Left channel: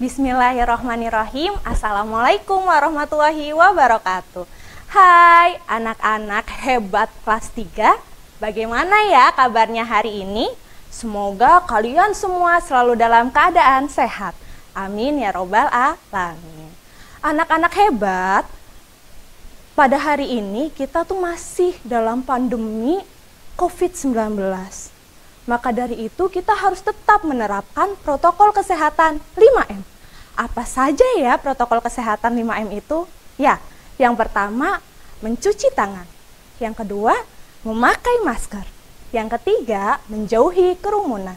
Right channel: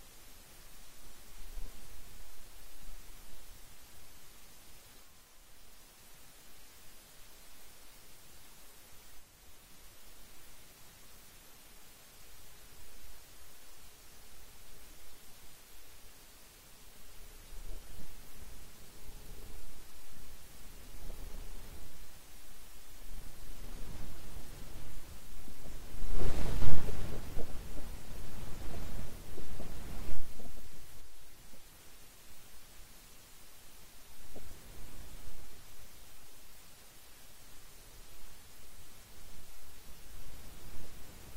Bismillahirrahmanirrahim. Assalamualaikum warahmatullahi wabarakatuh. Hai anak-anak hebat kelas 3. Bagaimana ya kabarnya hari ini? Semoga kalian semua selalu dalam keadaan sehat. Amin ya robbal alamin. Anak-anak hebat, pada hari ini kita tuh masih dalam pandemi COVID-19. Maka dari itu kita harus tetap menerapkan protokol kesehatan 5M. Apa saja ya protokol kesehatan 5M itu? Ya, yang pertama mencuci tangan. Yang kedua memakai masker. Yang ketiga menjauhi kerumunan.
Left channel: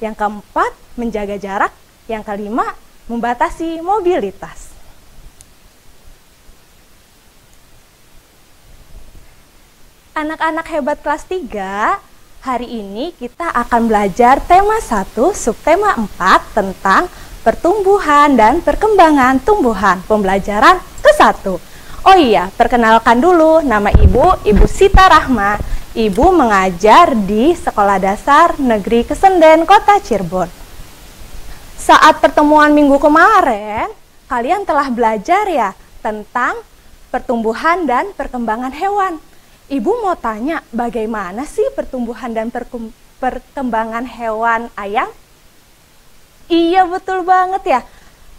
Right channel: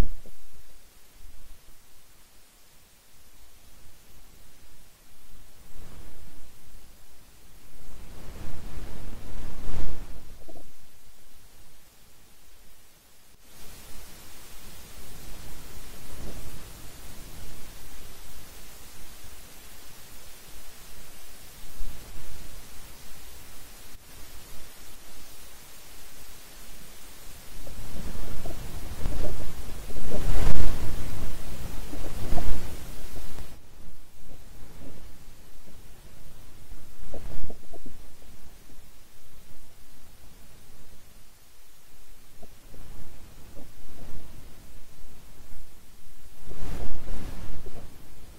Yang keempat menjaga jarak. Yang kelima membatasi mobilitas. Anak-anak hebat kelas 3, hari ini kita akan belajar tema 1, subtema 4 tentang pertumbuhan dan perkembangan tumbuhan, pembelajaran ke-1. Oh iya, perkenalkan dulu, nama Ibu Sita Rahma. Ibu mengajar di Sekolah Dasar Negeri Kesenden, Kota Cirebon. Saat pertemuan minggu kemarin, kalian telah belajar ya tentang pertumbuhan dan perkembangan hewan. Ibu mau tanya, bagaimana sih pertumbuhan dan perkembangan hewan ayam? Iya, betul banget ya.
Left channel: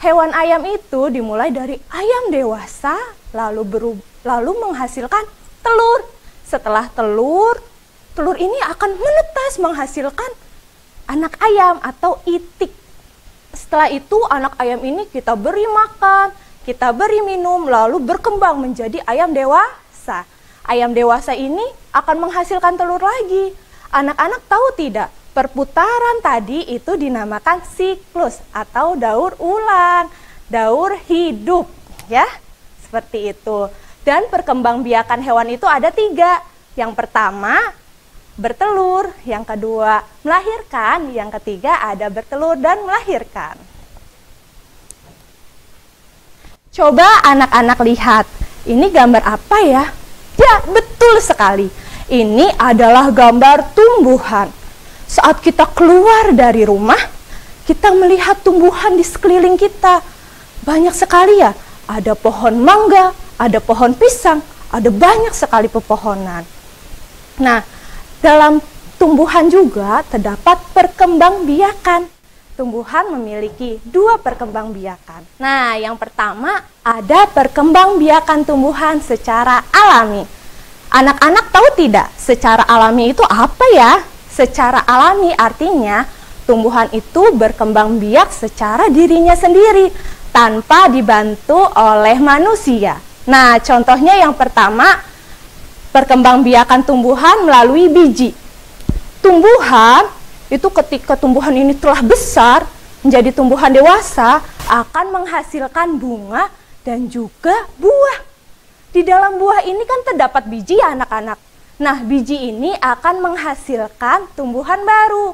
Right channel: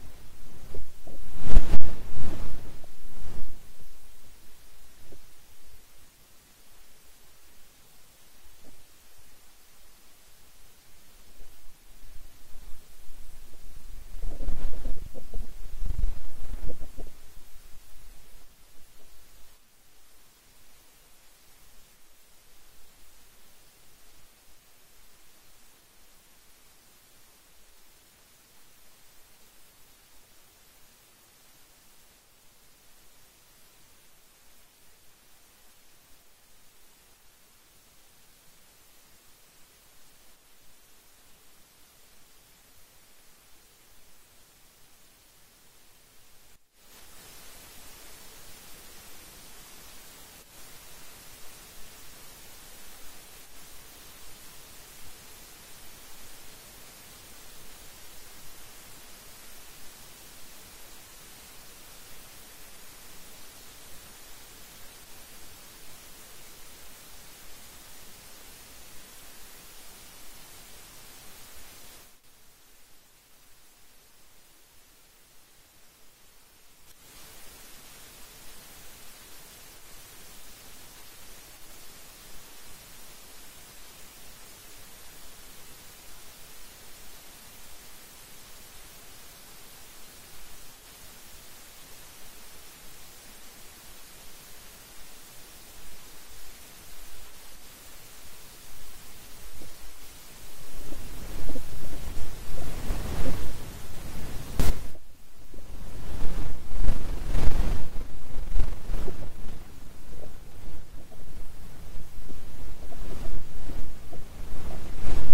Hewan ayam itu dimulai dari ayam dewasa, lalu menghasilkan telur. Setelah telur ini akan menetas menghasilkan anak ayam atau itik. Setelah itu anak ayam ini kita beri makan, kita beri minum, lalu berkembang menjadi ayam dewasa. Ayam dewasa ini akan menghasilkan telur lagi. Anak-anak tahu tidak? Perputaran tadi itu dinamakan siklus atau daur ulang, daur hidup, ya, seperti itu. Dan perkembangbiakan hewan itu ada 3. Yang pertama bertelur, yang kedua melahirkan, yang ketiga ada bertelur dan melahirkan. Coba anak-anak lihat, ini gambar apa ya? Ya, betul sekali. Ini adalah gambar tumbuhan. Saat kita keluar dari rumah, kita melihat tumbuhan di sekeliling kita. Banyak sekali ya, ada pohon mangga, ada pohon pisang, ada banyak sekali pepohonan. Nah, dalam tumbuhan juga terdapat perkembangbiakan. Tumbuhan memiliki 2 perkembangbiakan. Nah, yang pertama ada perkembangbiakan tumbuhan secara alami. Anak-anak tahu tidak secara alami itu apa ya? Secara alami artinya tumbuhan itu berkembang biak secara dirinya sendiri tanpa dibantu oleh manusia. Nah, contohnya yang pertama perkembangbiakan tumbuhan melalui biji. Tumbuhan itu ketika tumbuhan ini telah besar menjadi tumbuhan dewasa akan menghasilkan bunga dan juga buah. Di dalam buah ini kan terdapat biji ya anak-anak. Nah, biji ini akan menghasilkan tumbuhan baru.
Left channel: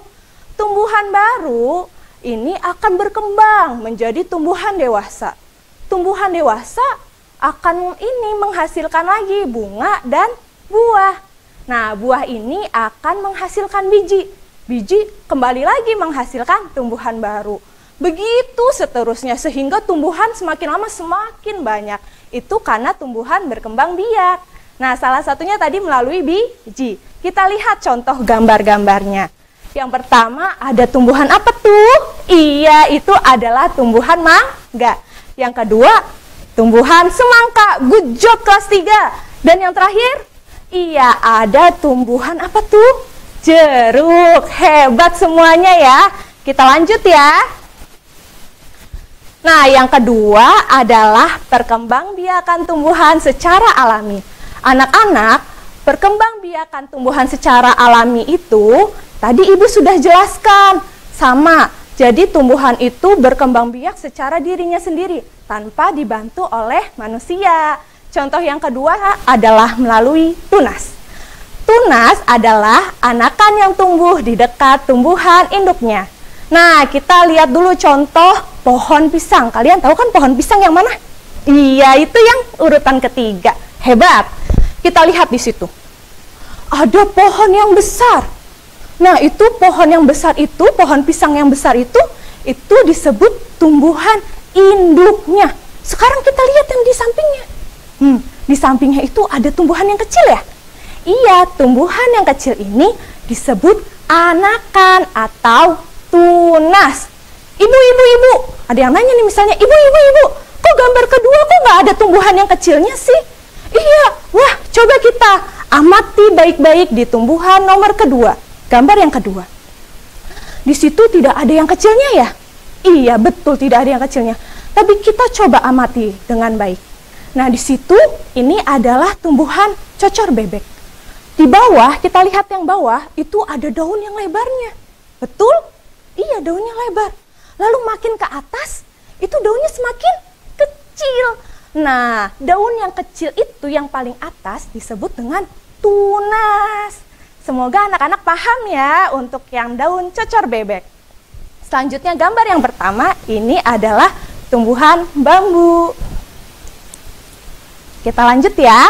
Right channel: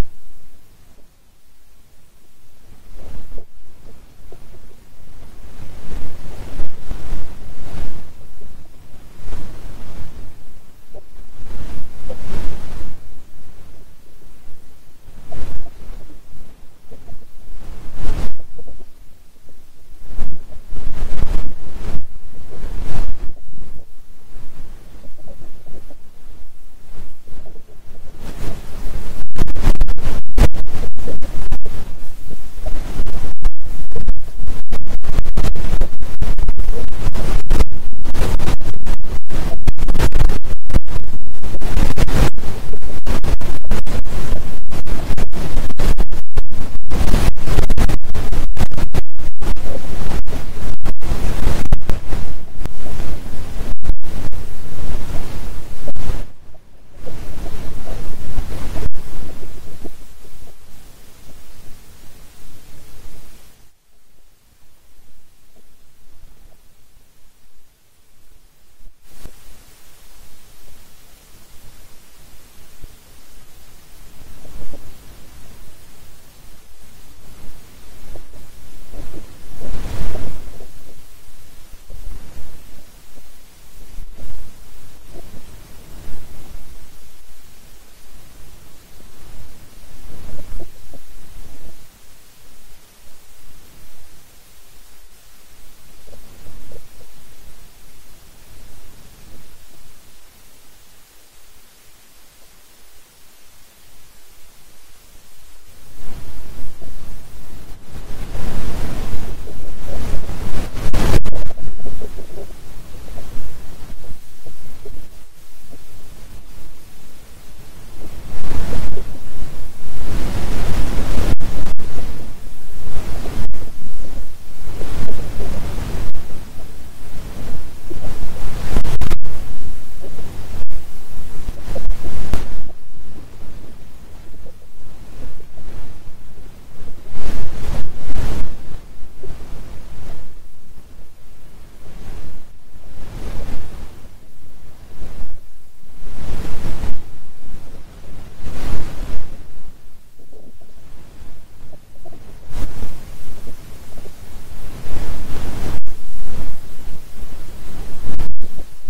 Tumbuhan baru ini akan berkembang menjadi tumbuhan dewasa. Tumbuhan dewasa akan menghasilkan lagi bunga dan buah. Nah, buah ini akan menghasilkan biji. Biji kembali lagi menghasilkan tumbuhan baru. Begitu seterusnya sehingga tumbuhan semakin lama semakin banyak. Itu karena tumbuhan berkembang biak. Nah, salah satunya tadi melalui biji. Kita lihat contoh gambar-gambarnya. Yang pertama ada tumbuhan apa tuh? Iya, itu adalah tumbuhan mangga. Yang kedua, tumbuhan semangka. Good job kelas 3. Dan yang terakhir, iya, ada tumbuhan apa tuh? Jeruk. Hebat semuanya ya. Kita lanjut ya. Nah, yang kedua adalah perkembangbiakan tumbuhan secara alami. Anak-anak, perkembangbiakan tumbuhan secara alami itu tadi Ibu sudah jelaskan. Sama, jadi tumbuhan itu berkembang biak secara dirinya sendiri tanpa dibantu oleh manusia. Contoh yang kedua adalah melalui tunas. Tunas adalah anakan yang tumbuh di dekat tumbuhan induknya. Nah, kita lihat dulu contoh pohon pisang. Kalian tahu kan pohon pisang yang mana? Iya, itu yang urutan ketiga. Hebat. Kita lihat di situ. Ada pohon yang besar. Nah, itu pohon yang besar itu, pohon pisang yang besar itu disebut tumbuhan induknya. Sekarang kita lihat yang di sampingnya. Di sampingnya itu ada tumbuhan yang kecil ya? Iya, tumbuhan yang kecil ini disebut anakan atau tunas. Ibu, ada yang nanya nih misalnya, ibu, kok gambar kedua kok nggak ada tumbuhan yang kecilnya sih? Iya, wah coba kita amati baik-baik di tumbuhan nomor kedua, gambar yang kedua. Di situ tidak ada yang kecilnya ya? Iya, betul tidak ada yang kecilnya. Tapi kita coba amati dengan baik. Nah, di situ ini adalah tumbuhan cocor bebek. Di bawah, kita lihat yang bawah, itu ada daun yang lebarnya. Betul? Iya, daunnya lebar. Lalu makin ke atas, itu daunnya semakin kecil. Nah, daun yang kecil itu yang paling atas disebut dengan tunas. Semoga anak-anak paham ya untuk yang daun cocor bebek. Selanjutnya gambar yang pertama, ini adalah tumbuhan bambu. Kita lanjut ya.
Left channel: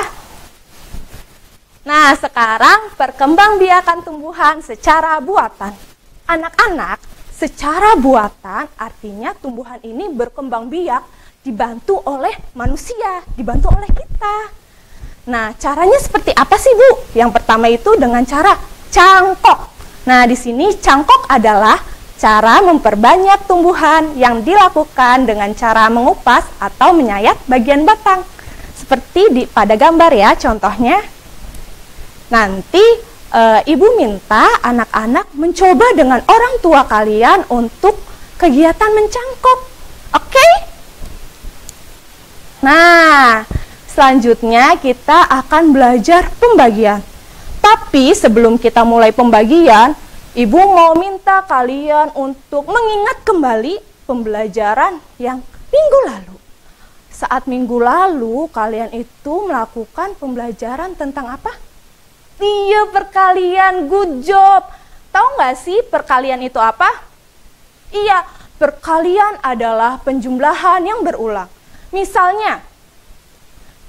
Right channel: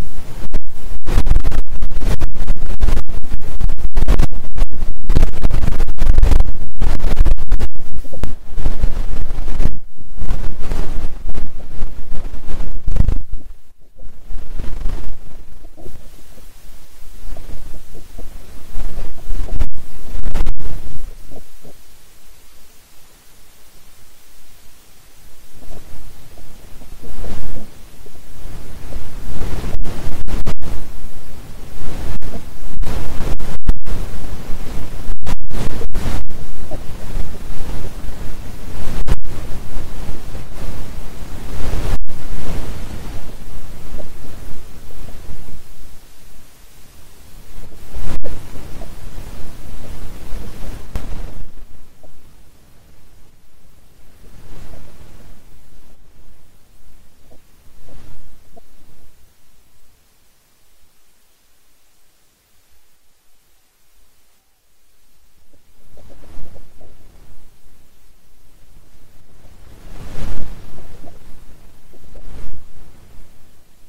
Nah, sekarang perkembangbiakan tumbuhan secara buatan. Anak-anak, secara buatan artinya tumbuhan ini berkembang biak dibantu oleh manusia, dibantu oleh kita. Nah, caranya seperti apa sih, Bu? Yang pertama itu dengan cara cangkok. Nah, di sini cangkok adalah cara memperbanyak tumbuhan yang dilakukan dengan cara mengupas atau menyayat bagian batang. Seperti pada gambar ya, contohnya. Nanti ibu minta anak-anak mencoba dengan orang tua kalian untuk kegiatan mencangkok. Oke? Nah, selanjutnya kita akan belajar pembagian. Tapi sebelum kita mulai pembagian, ibu mau minta kalian untuk mengingat kembali pembelajaran yang minggu lalu. Saat minggu lalu, kalian itu melakukan pembelajaran tentang apa? Iya, perkalian, good job. Tahu nggak sih perkalian itu apa? Iya, perkalian adalah penjumlahan yang berulang. Misalnya,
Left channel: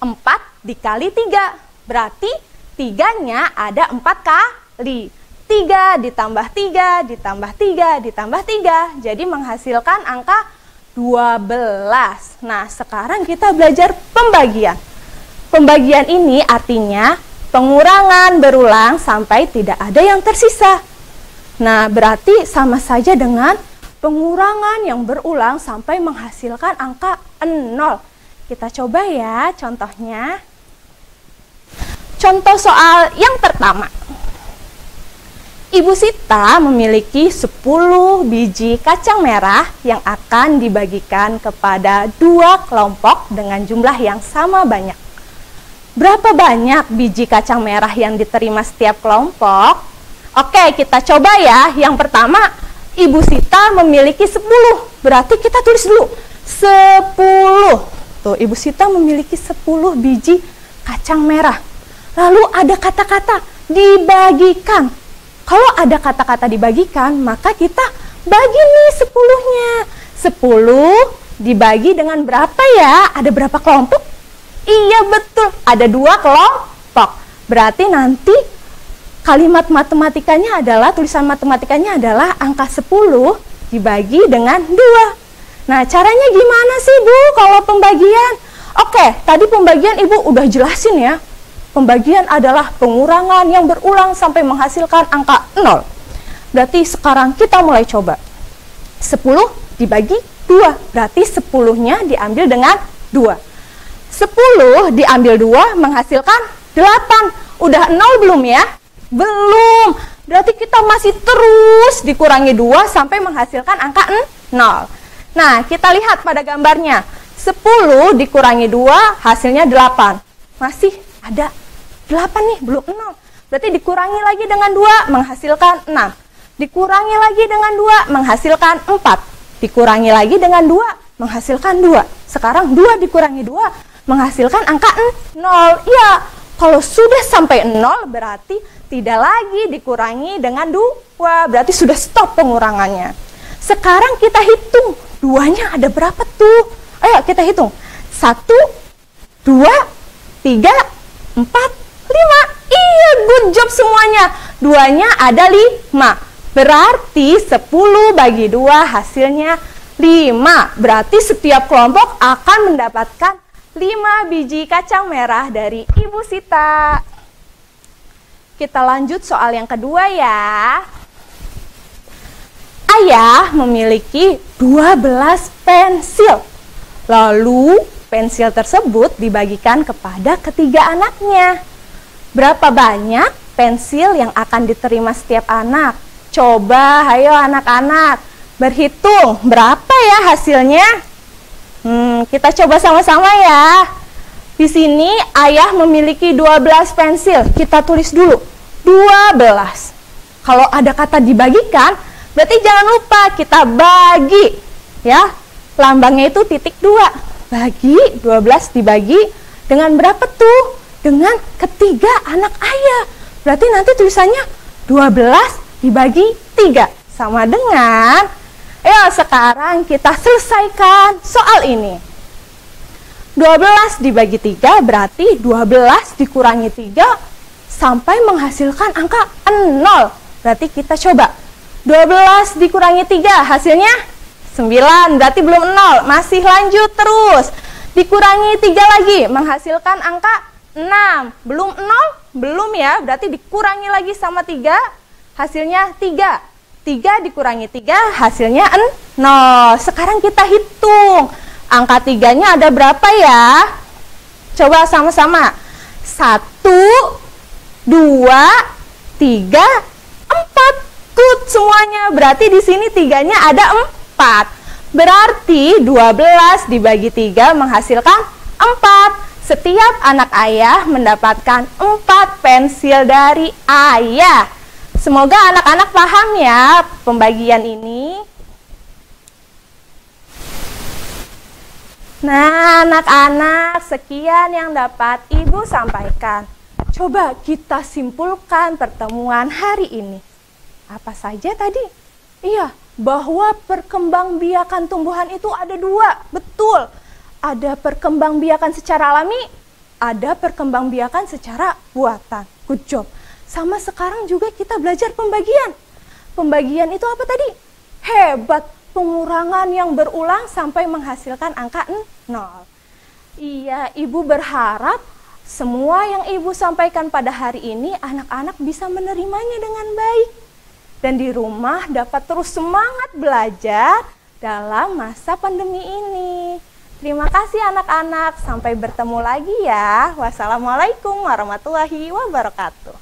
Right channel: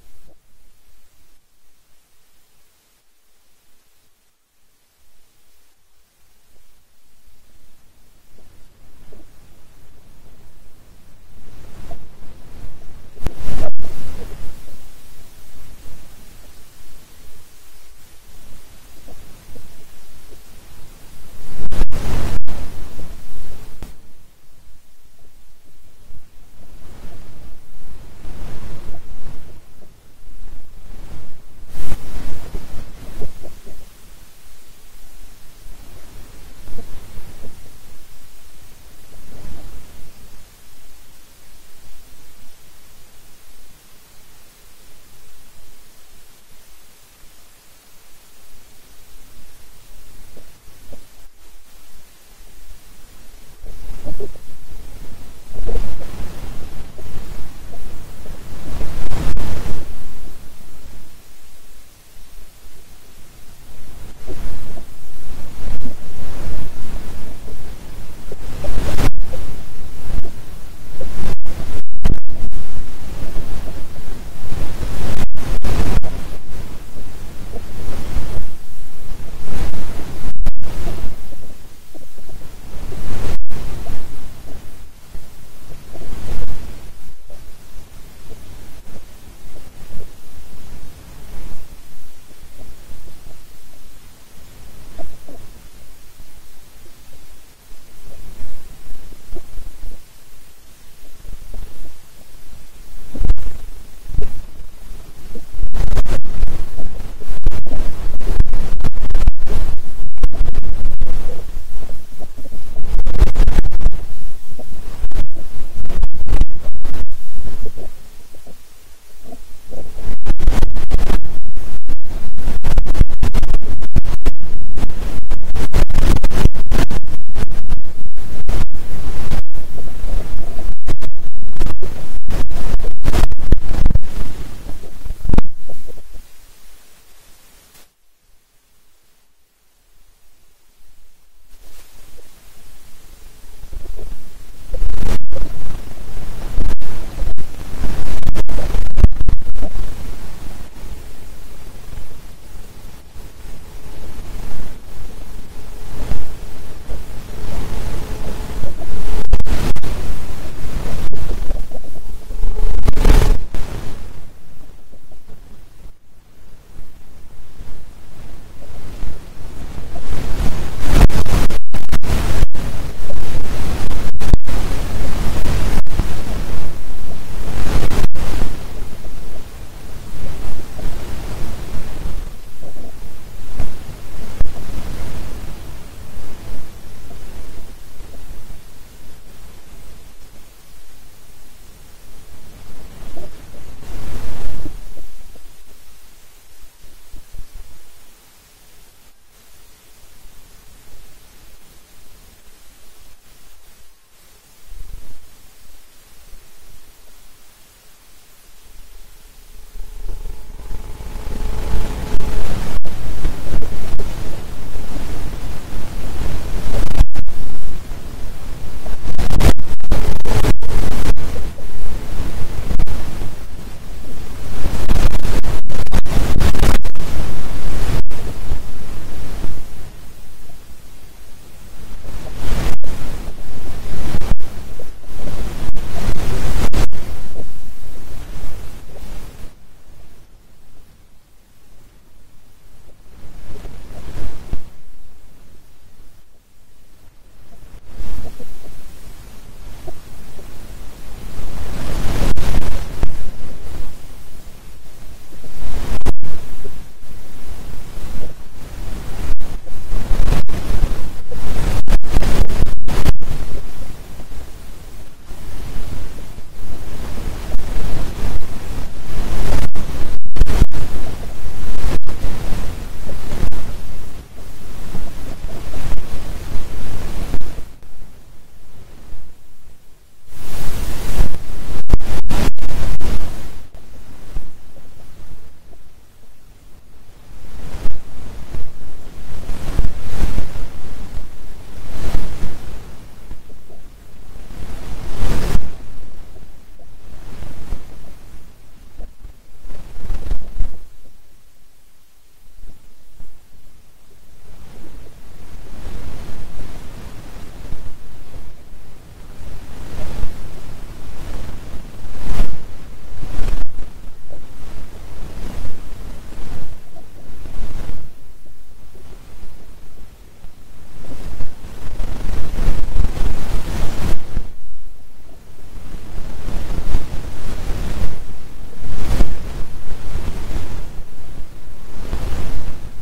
4 dikali 3, berarti 3-nya ada 4 kali. 3 ditambah 3, ditambah 3, ditambah 3, jadi menghasilkan angka 12. Nah, sekarang kita belajar pembagian. Pembagian ini artinya pengurangan berulang sampai tidak ada yang tersisa. Nah, berarti sama saja dengan pengurangan yang berulang sampai menghasilkan angka 0. Kita coba ya contohnya. Contoh soal yang pertama. Ibu Sita memiliki 10 biji kacang merah yang akan dibagikan kepada 2 kelompok dengan jumlah yang sama banyak. Berapa banyak biji kacang merah yang diterima setiap kelompok? Oke, kita coba ya. Yang pertama, Ibu Sita memiliki 10. Berarti kita tulis dulu 10. Tuh, Ibu Sita memiliki 10 biji kacang merah. Lalu ada kata-kata dibagikan. Kalau ada kata-kata dibagikan, maka kita bagi nih 10-nya. 10 dibagi dengan berapa ya? Ada berapa kelompok? Iya, betul. Ada 2 kelompok. Berarti nanti kalimat matematikanya adalah, tulisan matematikanya adalah angka 10 dibagi dengan 2. Nah, caranya gimana sih, Bu, kalau pembagian? Oke, tadi pembagian Ibu udah jelasin ya. Pembagian adalah pengurangan yang berulang sampai menghasilkan angka 0. Berarti sekarang kita mulai coba. 10 dibagi 2, berarti 10-nya diambil dengan 2. 10 diambil 2 menghasilkan 8. Udah 0 belum ya? Belum. Berarti kita masih terus dikurangi 2 sampai menghasilkan angka 0. Nah, kita lihat pada gambarnya. 10 dikurangi 2 hasilnya 8. Masih ada 8 nih, belum 0. Berarti dikurangi lagi dengan 2 menghasilkan 6. Dikurangi lagi dengan 2 menghasilkan 4. Dikurangi lagi dengan 2 menghasilkan 2. Sekarang 2 dikurangi 2 menghasilkan angka 0. Ya, kalau sudah sampai 0 berarti tidak lagi dikurangi dengan 2. Berarti sudah stop pengurangannya. Sekarang kita hitung 2-nya ada berapa tuh? Ayo kita hitung. 1, 2, 3, 4, 5. Iya, good job semuanya. 2-nya ada 5. Berarti 10 bagi 2 hasilnya 5. Berarti setiap kelompok akan mendapatkan 5 biji kacang merah dari Ibu Sita. Kita lanjut soal yang kedua ya. Ayah memiliki 12 pensil. Lalu pensil tersebut dibagikan kepada ketiga anaknya. Berapa banyak pensil yang akan diterima setiap anak? Coba, ayo anak-anak, berhitung berapa ya hasilnya? Kita coba sama-sama ya. Di sini ayah memiliki 12 pensil. Kita tulis dulu, 12. Kalau ada kata dibagikan, berarti jangan lupa kita bagi. Ya, lambangnya itu titik 2. Bagi, 12 dibagi dengan berapa tuh? Dengan ketiga anak ayah. Berarti nanti tulisannya 12 dibagi 3. Sama dengan, ayo sekarang kita selesaikan soal ini. 12 dibagi 3 berarti 12 dikurangi 3 sampai menghasilkan angka 0. Berarti kita coba. 12 dikurangi 3 hasilnya 9, berarti belum 0. Masih lanjut terus. Dikurangi 3 lagi menghasilkan angka 6. Belum 0? Belum ya, berarti dikurangi lagi sama 3, hasilnya 3. 3 dikurangi 3 hasilnya 0. Sekarang kita hitung. Angka 3-nya ada berapa ya? Coba sama-sama. 1, 2, 3, 4. Good semuanya. Berarti di sini 3-nya ada 4. Berarti 12 dibagi 3 menghasilkan 4. Setiap anak ayah mendapatkan 4 pensil dari ayah. Semoga anak-anak paham ya pembagian ini. Nah, anak-anak, sekian yang dapat Ibu sampaikan. Coba kita simpulkan pertemuan hari ini. Apa saja tadi? Iya, bahwa perkembangbiakan tumbuhan itu ada 2. Betul. Ada perkembangbiakan secara alami, ada perkembangbiakan secara buatan. Good job. Sama sekarang juga kita belajar pembagian. Pembagian itu apa tadi? Hebat. Pengurangan yang berulang sampai menghasilkan angka 0. Iya, Ibu berharap semua yang Ibu sampaikan pada hari ini anak-anak bisa menerimanya dengan baik. Dan di rumah dapat terus semangat belajar dalam masa pandemi ini. Terima kasih anak-anak, sampai bertemu lagi ya. Wassalamualaikum warahmatullahi wabarakatuh.